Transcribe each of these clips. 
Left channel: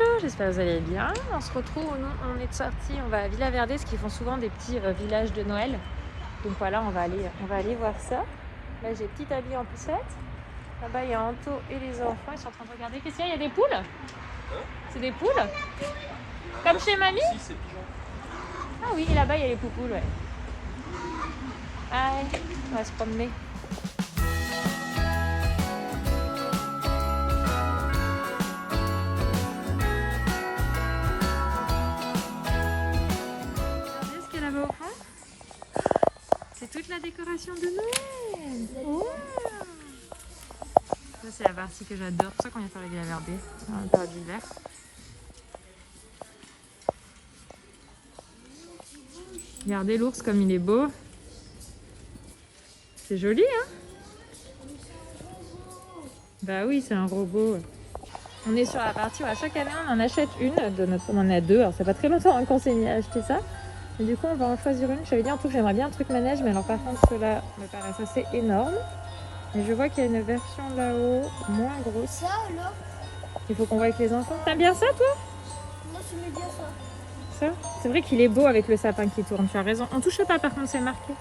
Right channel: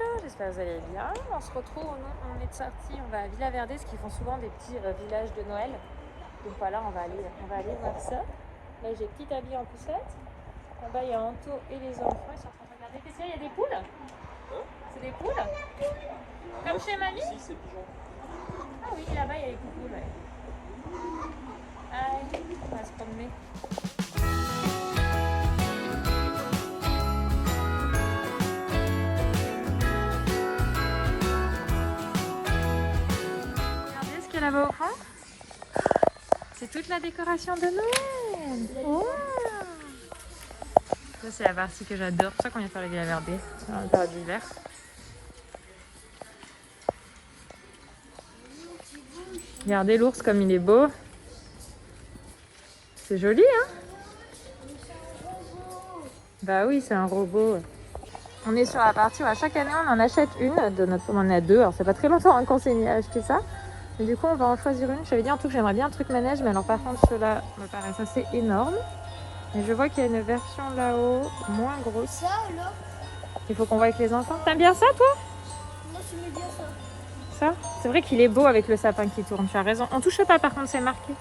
Bonjour, j'espère que vous allez bien. On se retrouve, on est sorti, on va à Villa Verde, ce qui font souvent des petits villages de Noël. Donc voilà, on va aller voir ça. Là j'ai petit habit en poussette. Là-bas il y a Anto et les enfants, ils sont en train de regarder. Qu'est-ce qu'il y a? Il y a des poules? C'est des poules? Comme chez mamie? Ah oui, là-bas il y a les poupoules, ouais. Allez, on va se promener. Là-bas au fond, c'est toute la décoration de Noël. Wow. Ça c'est la partie que j'adore, c'est pour ça qu'on vient faire le Villa Verde en période d'hiver. Regardez l'ours comme il est beau. C'est joli, hein? Bah oui, c'est un robot. On est sur la partie où à chaque année on en achète une, on en a deux, alors c'est pas très longtemps qu'on s'est mis à acheter ça. Et du coup, on va en choisir une. J'avais dit en tout que j'aimerais bien un truc manège, mais alors par contre, ceux-là me paraissent assez énormes. Et je vois qu'il y a une version là-haut, moins grosse. Ça alors? Il faut qu'on voit avec les enfants. T'aimes bien ça, toi? Moi, j'aime bien ça. Ça? C'est vrai qu'il est beau avec le sapin qui tourne, tu as raison. On touche pas, par contre, c'est marqué.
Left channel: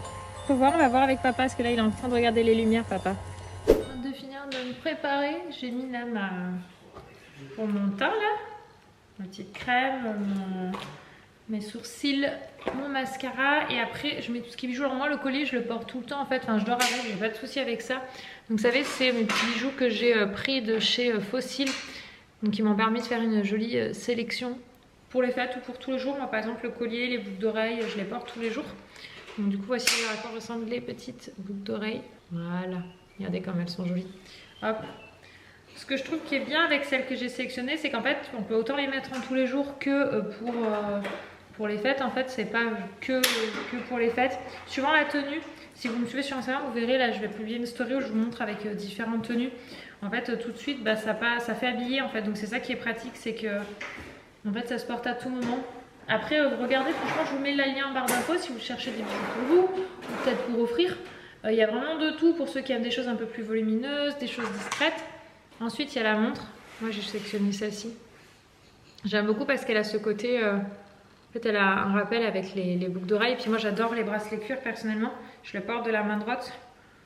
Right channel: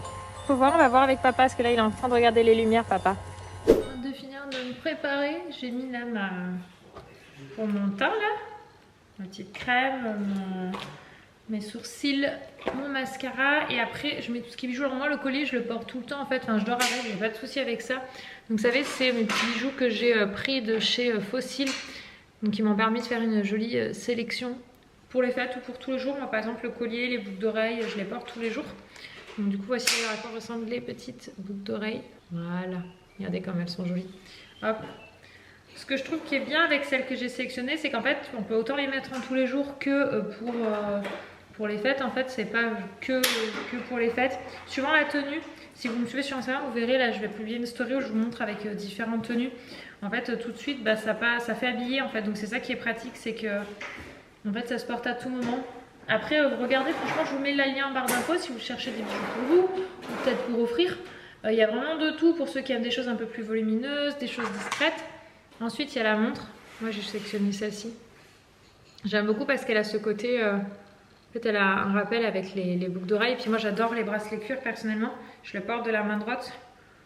Faut voir, on va voir avec papa, parce que là, il est en train de regarder les lumières, papa. Avant de finir de me préparer, j'ai mis là pour mon teint, là. Ma petite crème, mes sourcils, mon mascara, et après je mets tout ce qui est bijoux. Alors moi le collier je le porte tout le temps en fait, enfin je dors avec, j'ai pas de souci avec ça. Donc vous savez c'est mes petits bijoux que j'ai pris de chez Fossil, donc ils m'ont permis de faire une jolie sélection pour les fêtes ou pour tous les jours. Moi par exemple le collier, les boucles d'oreilles, je les porte tous les jours. Donc du coup voici à quoi ressemblent les petites boucles d'oreilles. Voilà, regardez comme elles sont jolies. Hop. Ce que je trouve qui est bien avec celles que j'ai sélectionnées, c'est qu'en fait on peut autant les mettre en tous les jours que pour les fêtes. En fait c'est pas que pour les fêtes. Suivant la tenue, si vous me suivez sur Instagram, vous verrez là je vais publier une story où je vous montre avec différentes tenues. En fait tout de suite bah, ça fait habiller en fait, donc c'est ça qui est pratique, c'est que en fait ça se porte à tout moment. Après regardez, franchement je vous mets le lien en barre d'infos si vous cherchez des bijoux pour vous ou peut-être pour offrir. Il y a vraiment de tout pour ceux qui aiment des choses un peu plus volumineuses, des choses discrètes. Ensuite, il y a la montre. Moi, j'ai sélectionné celle-ci. J'aime beaucoup parce qu'elle a ce côté... en fait, elle a un rappel avec les boucles d'oreilles. Et puis moi, j'adore les bracelets cuir, personnellement. Je le porte de la main droite.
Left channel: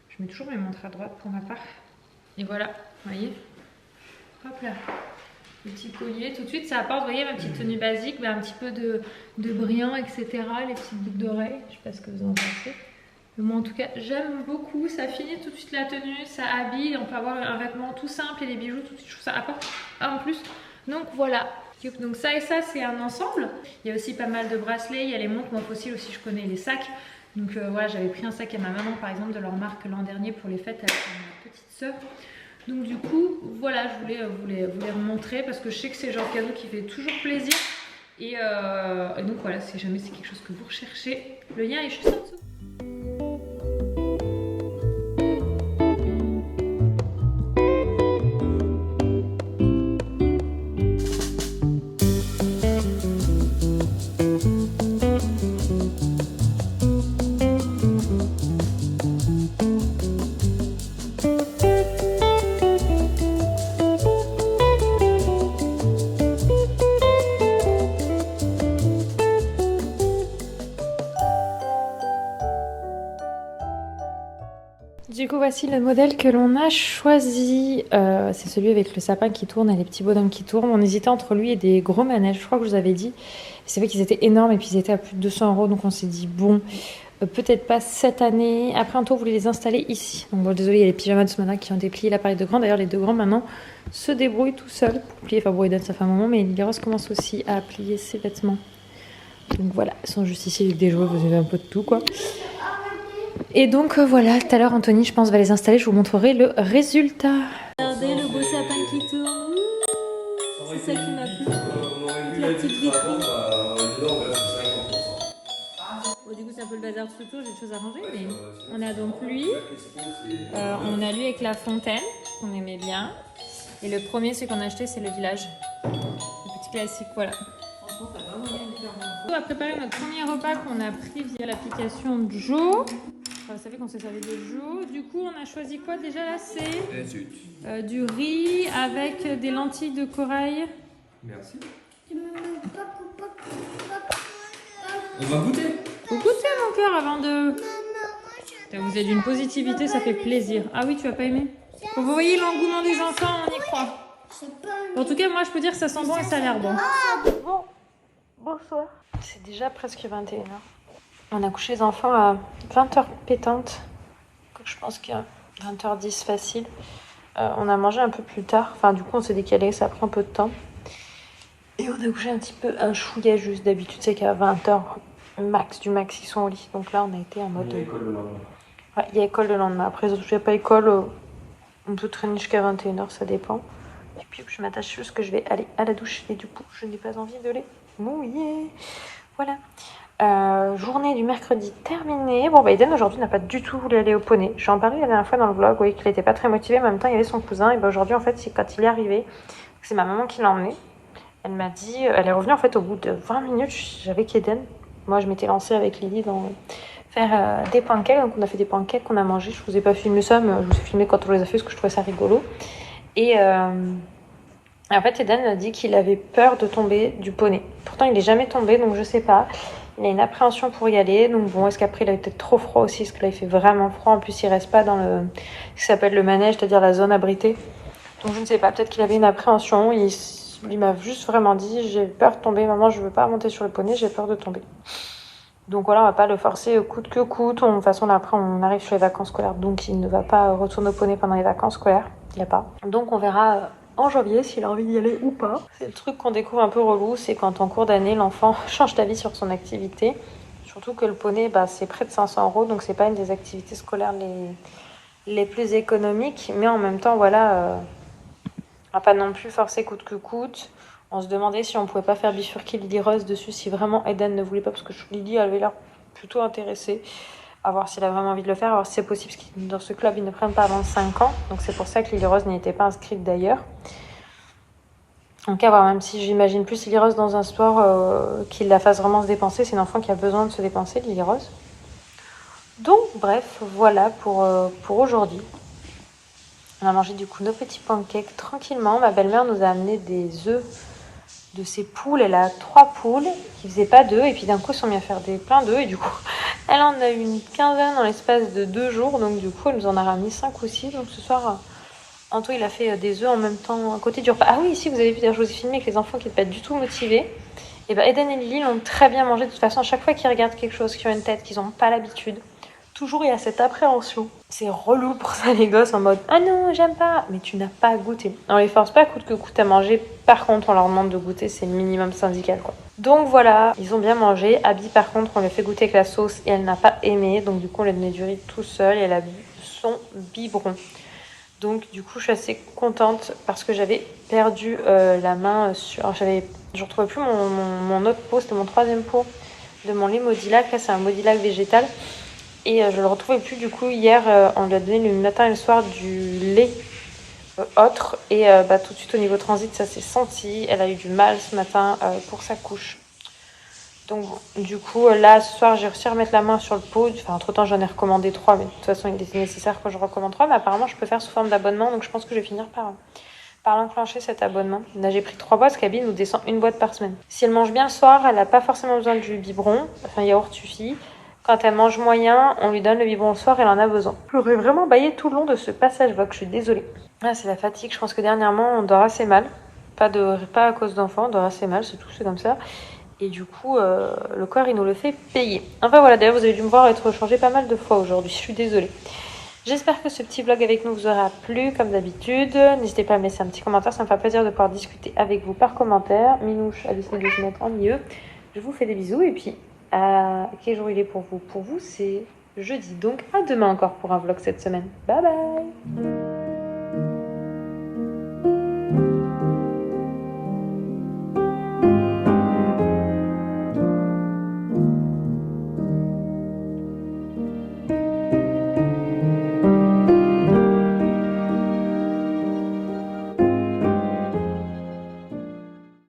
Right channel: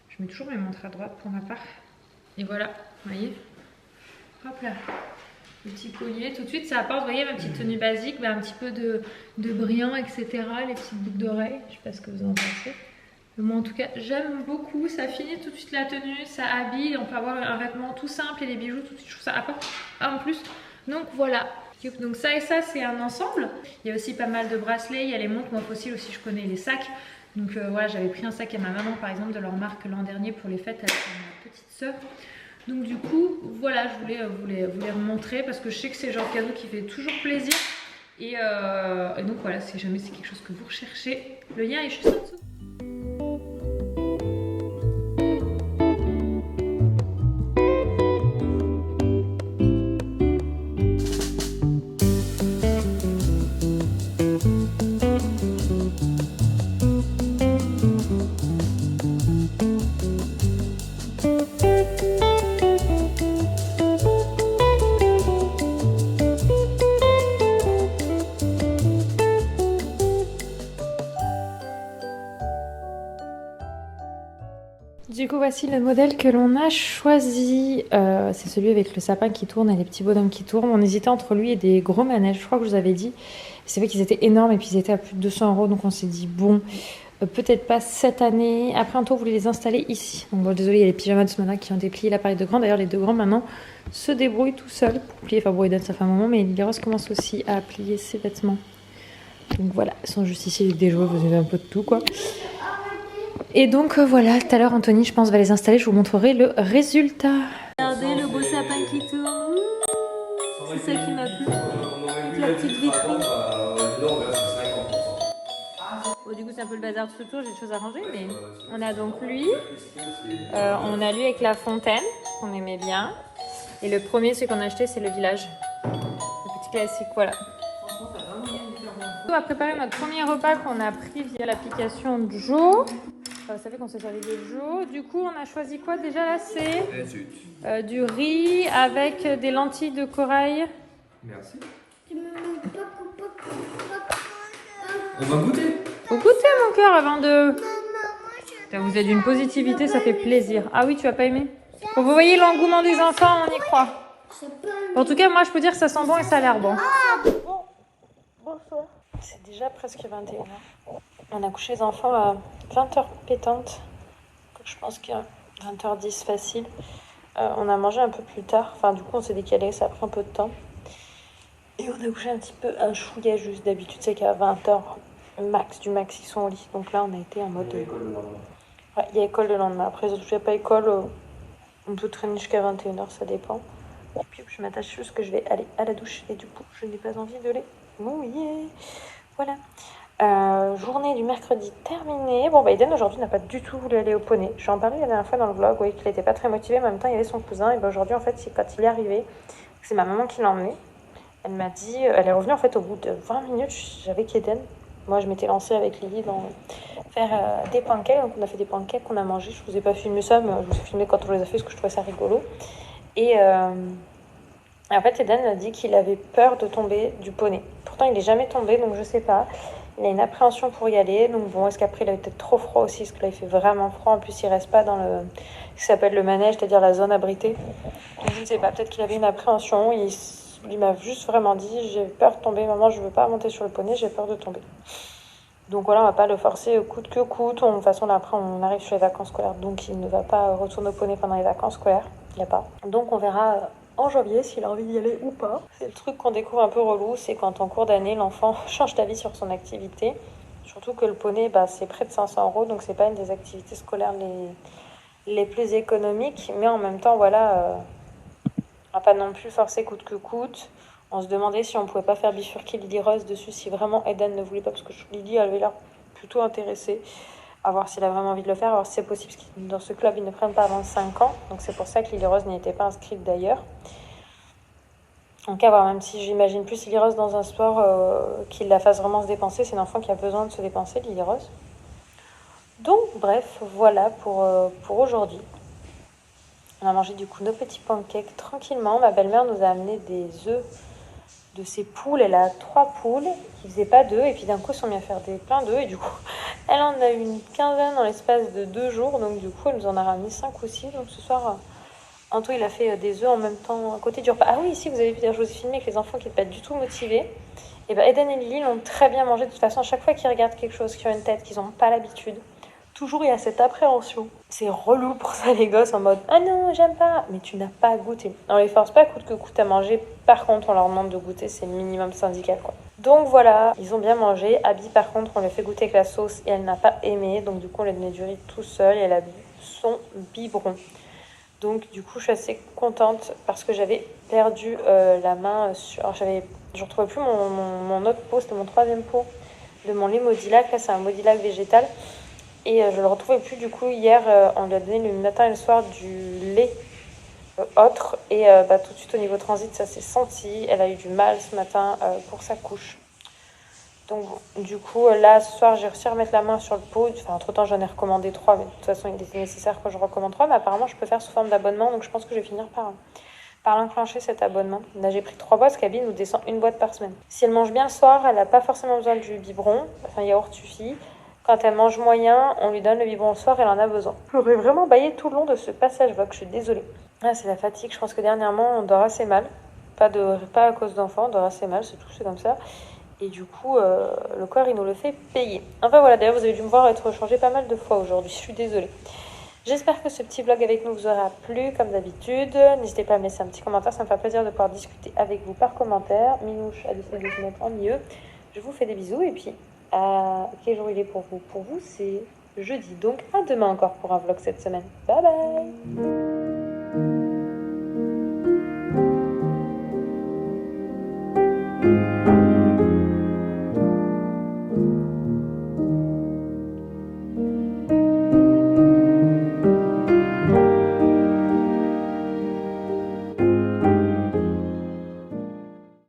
Je mets toujours mes montres à droite pour ma part. Et voilà, vous voyez. Hop là. Le petit collier. Tout de suite, ça apporte, vous voyez, ma petite tenue basique. Bah, un petit peu de brillant, etc. Les petites boucles d'oreilles. Je sais pas ce que vous en pensez. Mais moi en tout cas j'aime beaucoup, ça finit tout de suite la tenue, ça habille, on peut avoir un vêtement tout simple et les bijoux tout de suite, je trouve ça apporte en plus. Donc voilà, donc ça et ça c'est un ensemble. Il y a aussi pas mal de bracelets, il y a les montres, moi Fossil aussi je connais les sacs. Donc voilà, j'avais pris un sac à ma maman par exemple de leur marque l'an dernier pour les fêtes avec ma petite soeur. Donc du coup voilà, je voulais vous les remontrer parce que je sais que c'est le genre de cadeau qui fait toujours plaisir. Et donc voilà, si jamais c'est quelque chose que vous recherchez, le lien est juste en dessous. Du coup, voici le modèle que l'on a choisi. C'est celui avec le sapin qui tourne et les petits bonhommes qui tournent. On hésitait entre lui et des gros manèges, je crois que je vous avais dit. C'est vrai qu'ils étaient énormes et puis ils étaient à plus de 200 €. Donc on s'est dit, bon, peut-être pas cette année. Après, un tour, on voulait les installer ici. Donc bon, désolé, il y a les pyjamas de ce matin qui ont déplié l'appareil de grands. D'ailleurs, les deux grands maintenant se débrouillent tout seuls pour plier. Enfin, bon, ça fait un moment, mais Liros commence aussi à plier ses vêtements. Donc voilà, ils sont juste ici avec des jouets, vous avez un peu de tout quoi. Et donc voilà, tout à l'heure Anthony je pense va les installer, je vous montrerai le résultat. Regardez le beau sapin qui tourne, c'est ça qui m'a plu, la petite vitrine. Bon, du coup c'est un peu le bazar tout autour, j'ai des choses à ranger, mais on a donc lui, on a lui avec la fontaine, qu'on aimait bien. Et le premier, celui qu'on a acheté, c'est le village, le petit classique, voilà. On va préparer notre premier repas qu'on a pris via l'application Joe. Enfin, vous savez qu'on s'est servi de Joe. Du coup, on a choisi quoi déjà là? C'est du riz avec des lentilles de corail Merci. Tu me mets pas. On va goûter. Faut goûter mon cœur avant de... Maman, moi je. Vous êtes d'une positivité, ça fait plaisir. Ah oui, tu as pas aimé? Bon, vous voyez l'engouement des enfants, on y croit. C'est pas. En tout cas, moi je peux dire que ça sent bon et ça a l'air bon. Bonsoir. C'est déjà presque 21h. On a couché les enfants à 20h pétante. Je pense qu'il y a 20h10 facile. On a mangé un peu plus tard. Enfin, du coup, on s'est décalé. Ça a pris un peu de temps. Et on a couché un petit peu, un chouïa juste. D'habitude, c'est qu'à 20h max, du max, ils sont au lit. Donc là, on a été en mode... Il y a école le lendemain. Ouais, il y a école le lendemain. Après, il n'y a pas école. On peut traîner jusqu'à 21h, ça dépend. Et puis, je m'attache juste que je vais aller à la douche. Et du coup, je n'ai pas envie de les mouiller. Voilà. Journée du mercredi terminée. Bon, Eden aujourd'hui n'a pas du tout voulu aller au poney. J'en parlais la dernière fois dans le vlog, oui, qu'il n'était pas très motivé. En même temps, il y avait son cousin. Et aujourd'hui, en fait, c'est quand il est arrivé, c'est ma maman qui l'a emmené. Elle m'a dit, elle est revenue en fait au bout de 20 minutes. J'avais qu'Eden. Moi, je m'étais lancée avec Lily dans faire des pancakes. Donc, on a fait des pancakes qu'on a mangés. Je vous ai pas filmé ça, mais je vous ai filmé quand on les a fait parce que je trouvais ça rigolo. Et en fait, Eden a dit qu'il avait peur de tomber du poney. Pourtant, il n'est jamais tombé, donc je sais pas. Il a une appréhension pour y aller. Donc bon, est-ce qu'après, il a peut-être trop froid aussi? Parce que là, il fait vraiment froid. En plus, il reste pas dans ce qui s'appelle le manège, c'est-à-dire la zone abritée. Donc je ne sais pas, peut-être qu'il avait une appréhension. Il m'a juste vraiment dit, j'ai peur de tomber. Maman, je veux pas monter sur le poney, j'ai peur de tomber. Donc voilà, on va pas le forcer coûte que coûte. De toute façon, là, après, on arrive sur les vacances scolaires. Donc il ne va pas retourner au poney pendant les vacances scolaires. Il n'y a pas. Donc on verra... en janvier, s'il a envie d'y aller ou pas. C'est le truc qu'on découvre un peu relou, c'est quand en cours d'année, l'enfant change d'avis sur son activité. Surtout que le poney, c'est près de 500 €, donc c'est pas une des activités scolaires les plus économiques. Mais en même temps, voilà, on va pas non plus forcer coûte que coûte. On se demandait si on pouvait pas faire bifurquer Lily Rose dessus, si vraiment Eden ne voulait pas, parce que Lily avait l'air plutôt intéressée. À voir s'il a vraiment envie de le faire, à voir si c'est possible, parce que dans ce club, ils ne prennent pas avant 5 ans. Donc c'est pour ça que Lily Rose n'y était pas inscrite d'ailleurs. Donc à voir, même si j'imagine plus Lily Rose dans un sport qui la fasse vraiment se dépenser. C'est une enfant qui a besoin de se dépenser, Lily Rose. Donc bref, voilà pour aujourd'hui. On a mangé du coup nos petits pancakes tranquillement. Ma belle-mère nous a amené des œufs de ses poules. Elle a 3 poules qui faisaient pas d'œufs. Et puis d'un coup, ils sont mis à faire plein d'œufs. Et du coup, elle en a eu une quinzaine dans l'espace de 2 jours. Donc du coup, elle nous en a ramené 5 ou 6. Donc ce soir, Anto, il a fait des œufs en même temps à côté du repas. Ah oui, ici, vous avez vu, d'ailleurs, je vous ai filmé avec les enfants qui n'étaient pas du tout motivés. Et Eden et Lily l'ont très bien mangé. De toute façon, à chaque fois qu'ils regardent quelque chose, qu'ils ont une tête, qu'ils n'ont pas l'habitude, toujours il y a cette appréhension. C'est relou pour ça, les gosses, en mode « Ah non, j'aime pas !» Mais tu n'as pas goûté. On les force pas coûte que coûte à manger. Par contre, on leur demande de goûter, c'est le minimum syndical, quoi. Donc voilà, ils ont bien mangé. Abby, par contre, on lui a fait goûter avec la sauce et elle n'a pas aimé. Donc du coup, on lui a donné du riz tout seul et elle a bu son biberon. Donc du coup, je suis assez contente parce que j'avais perdu la main sur... Alors, je ne retrouvais plus mon autre pot, c'était mon 3e pot de mon lait Modilac. Là, c'est un Modilac végétal. Et je le retrouvais plus. Du coup, hier, on lui a donné le matin et le soir du lait autre. Et tout de suite, au niveau transit, ça s'est senti. Elle a eu du mal ce matin pour sa couche. Donc du coup, là, ce soir, j'ai réussi à remettre la main sur le pot. Enfin, entre-temps, j'en ai recommandé 3. Mais de toute façon, il était nécessaire que je recommande 3. Mais apparemment, je peux faire sous forme d'abonnement. Donc je pense que je vais finir par l'enclencher, cet abonnement. Là, j'ai pris 3 boîtes, parce qu'Abby nous descend une boîte par semaine. Si elle mange bien le soir, elle n'a pas forcément besoin du biberon. Enfin, yaourt suffit. Quand elle mange moyen, on lui donne le biberon le soir, elle en a besoin. J'aurais vraiment baillé tout le long de ce passage Vogue, je suis désolée. Ah, c'est la fatigue, je pense que dernièrement, on dort assez mal. Pas à cause d'enfants, on dort assez mal, c'est tout, c'est comme ça. Et du coup, le corps, il nous le fait payer. Enfin voilà, d'ailleurs, vous avez dû me voir être changée pas mal de fois aujourd'hui, je suis désolée. J'espère que ce petit vlog avec nous vous aura plu, comme d'habitude. N'hésitez pas à me laisser un petit commentaire, ça me fait plaisir de pouvoir discuter avec vous par commentaire. Minouche a décidé de se mettre en milieu. Je vous fais des bisous et puis... quel jour il est pour vous? Pour vous, c'est jeudi. Donc, à demain encore pour un vlog cette semaine. Bye bye!